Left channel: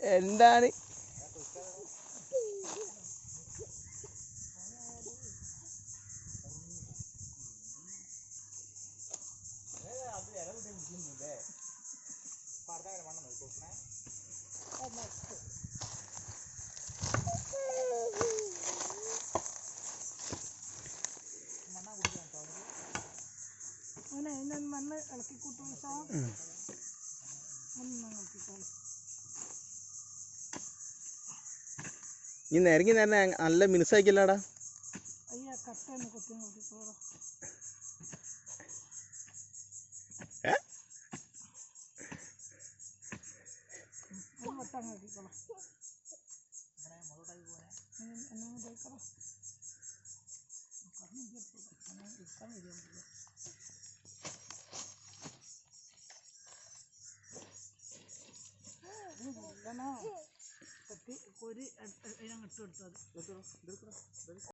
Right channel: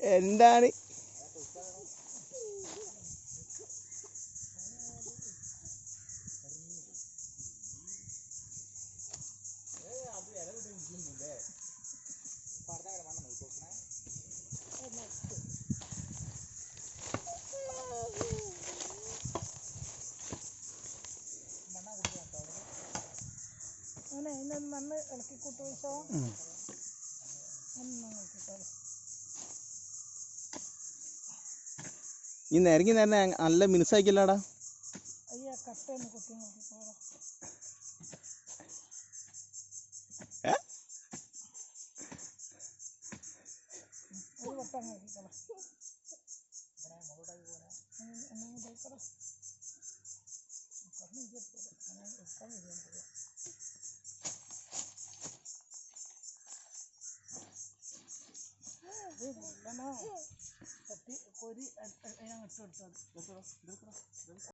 എന്താണ് മണ്ണ് ഇളക്കി കൂട്ടോ ഈ നിരങ്ങി നേരെ നല്ല മിനുസാക്കില്ലാടാ. അയ്യാ കട്ട കൊത്തി നോക്കിക്കോളാം. ഒരു വട്ടം നോക്കിക്കോളാം. കൊരി അതിനങ്ങ് ഇട്ട് കൊടുത്താൽ